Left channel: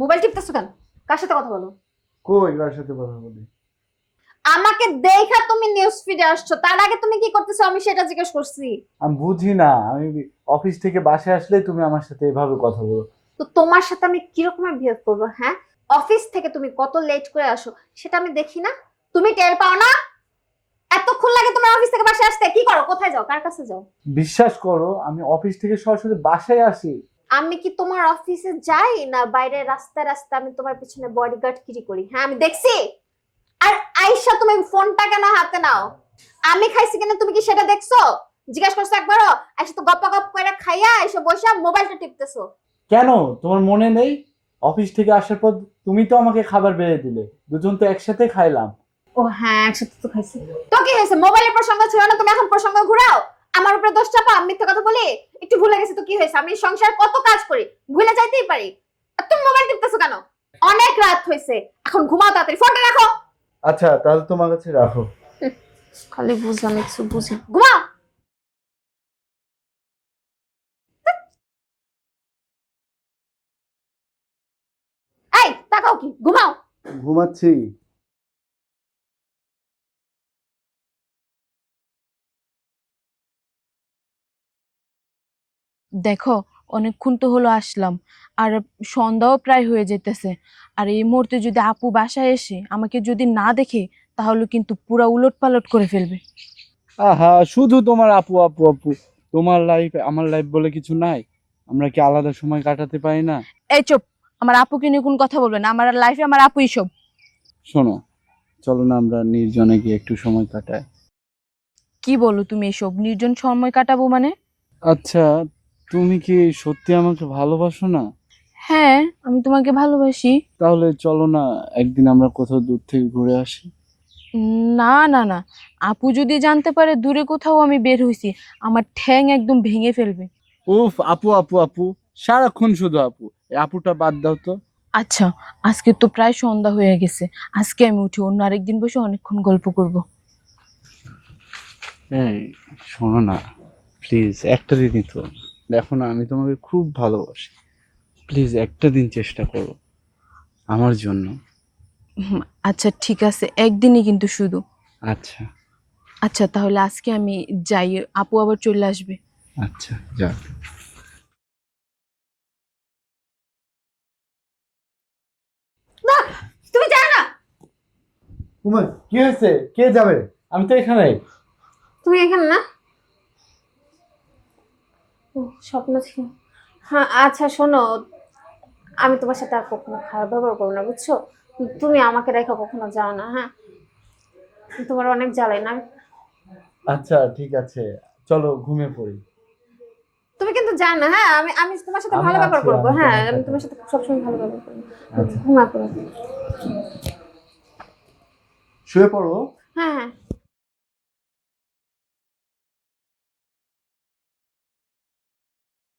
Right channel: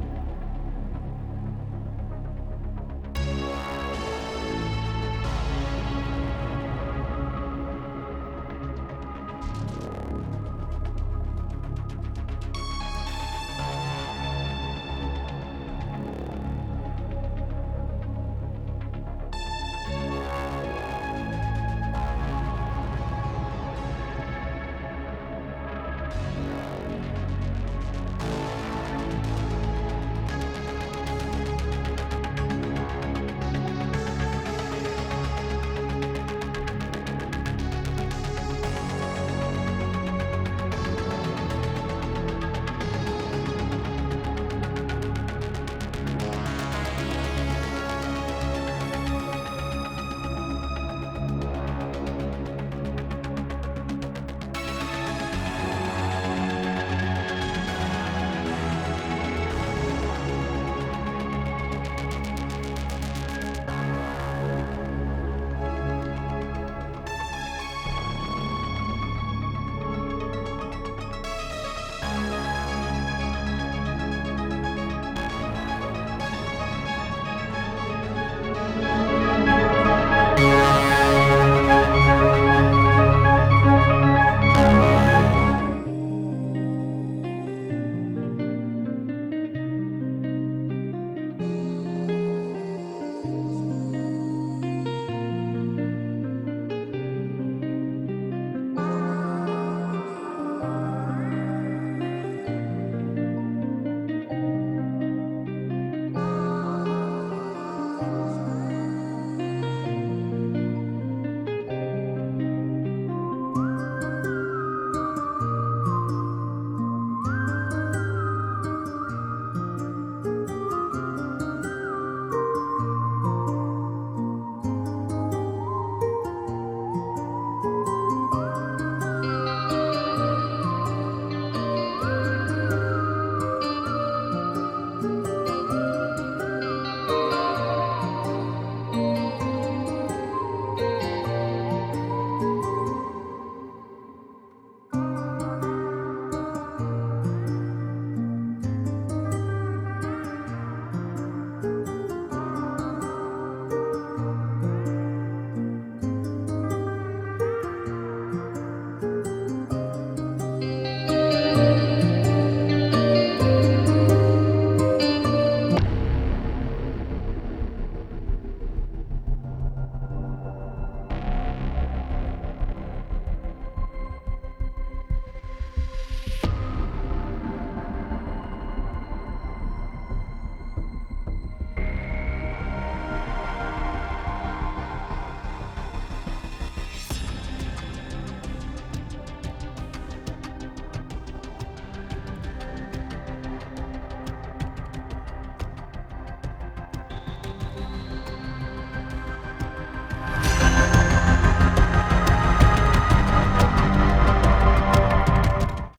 Mobile টিপতেছো কেন? কার সাথে কথা বলো? কই কার সাথে বলো? আমাকে দেখা তুমি নিউজ ফিডে আসছো তার আগে তুমি কি করতেছো? আমি সেটা জিজ্ঞেস করছি। আমি বুঝি না আমি অফিস থেকে বাসায় আসলে তুমি আমার সাথে এভাবে কথা বলো। তো তোমার সাথে আমি কিরকমের বিহেভ করব হ্যাঁ? অফিস থেকে তুমি কত লেট করে আসো সেটা আমি দেখি না। তুমি টের পাও না? অফিস থেকে বাসায় আসতে কি করো? কোথায় যাও? কার কাছে যাও? বিশ্বাস করো আমি অফিস থেকে সরাসরি বাসায় আসি। আমি কি তোমার অফিসে যাই না বাইরে রাস্তা রাস্তা আমি তোমার পিছনে বডি গার্ড শুরু করি? হ্যাঁ আমি দেখছি। আর আইসা তুমি ফোনটা কেন হাতে নাও? আমি খাইছি কিনা? তুমি কি সেটা দেখছ? জিজ্ঞেস করছ একবারও? একসাথে গপ্প গপ্প করে খাইয়া এসে বসে মোবাইলটা টিপতেছো। কেন? তোমার মনে নেই? অফিস থেকে আসার পর তুমি তো আমাকে খাবার বেড়ে দিলে। দুজন তো একসাথে খাইলাম। ও হ্যাঁ একসাথে তো খাইছি। তো কি হয়েছে? মোবাইলের প্রসঙ্গ ছিল না তুমি এখন প্রসঙ্গ ঘুরাও। আমার উপরে দোষ চাপা মিথ্যে কথা বলি? একটু ভুলে গেছি তো কি হয়েছে? আমি সংসার কত কাজ করি ভুলে যাইতেই পারি। তুমি মোবাইল টিপতেছো কেন? অনেক রাত হয়েছে এখন ঘুমাও তাড়াতাড়ি। ফোনটা রাখো। আচ্ছা তাহলে তোমার কাছে রাখো। খালি বুঝলাম কিছু বুঝে। ঘুমাও। এই তাকাও ঘুমাও। ঘুমাচ্ছি। দেখো অনেকক্ষণ তো হলো আসলাম। আর সন্ধ্যাও প্রায় হয়ে যেতেছে। আর এই মুহূর্তে যদি আপু বাসায় এসে আমাকে যদি না দেখে তাহলে কিন্তু পুরা উলট পালট করে ফেলবে। আহা শুধু তোমার আপু আপু আপু। তোমার লাইফ আমার লাইফ বলে কিছু নাই? আমরা কি আলাদা সময় কাটাতে পারি না? এই চুপ! আমার আপুকে নিয়ে কোন কথা বলবে না। আমার লাইফে আমার আপুই সব। শোনো চলো না আমরা নির্জনে গিয়ে একটু সময় কাটাই। কি বলো তুমি এসব? নির্জন সময় কাটাবো মানে? আচ্ছা তুমি কি সত্যি আমাকে ভালোবাসো না? হ্যাঁ আমি তোমাকে ভালোবাসি। তাহলে চলো না একদিন আমরা কোথাও দূর থেকে ঘুরে আসি। না না না। আপু যদি জানতে পারে দূরে কোথাও আমি বের হইছি আমার ঠ্যাং একদম ভেঙে ফেলবে। উফ আপু আপু আপু। সারাক্ষণ শুধু আপু। আপুটা বাদ দাও তো। আচ্ছা আজকে তো প্রায় সন্ধ্যা হয়ে গেছে। আজকে আমি উঠি অন্য আরেকদিন বসে অনেকক্ষণ গল্প করব। এই শোনো না। প্লিজ একটা দিনই তো। দেখো না আমি তোমাকে খুব ভালোবাসি। প্লিজ একটা দিন চেষ্টা করো আমার জন্য। হুম, আচ্ছা ঠিক আছে একদিনই কিন্তু শুধু। আচ্ছা। আচ্ছা তাহলে আজকে আমি যাই আপু আবার চলে আসবে। আচ্ছা যা। তুমি জানো না। তোমার কি হয়েছে? কে যাবে? আমি তো এখানে তুমি এখানে না? স্বপ্ন ছিল। হ্যাঁ আচ্ছা শোনো আমি তোমার সাথে আর কখনো খারাপ ব্যবহার করব না বুঝছ? তুমি আমাকে রেখে কখনো যাও না হ্যাঁ? তোমার অনেক জ্বালাই না আচ্ছা ঠিক আছে। চলো ঘুমিয়ে পড়ি। তুমি কিন্তু জানো না হ্যাঁ আমি আমি তোমার সাথে ভালো ব্যবহার করব হ্যাঁ আমি তোমার সাথে সবসময় ভালো ব্যবহার করব। আচ্ছা। ঘুমা পড়ো। শুয়ে পড়ো। হ্যাঁ হ্যাঁ।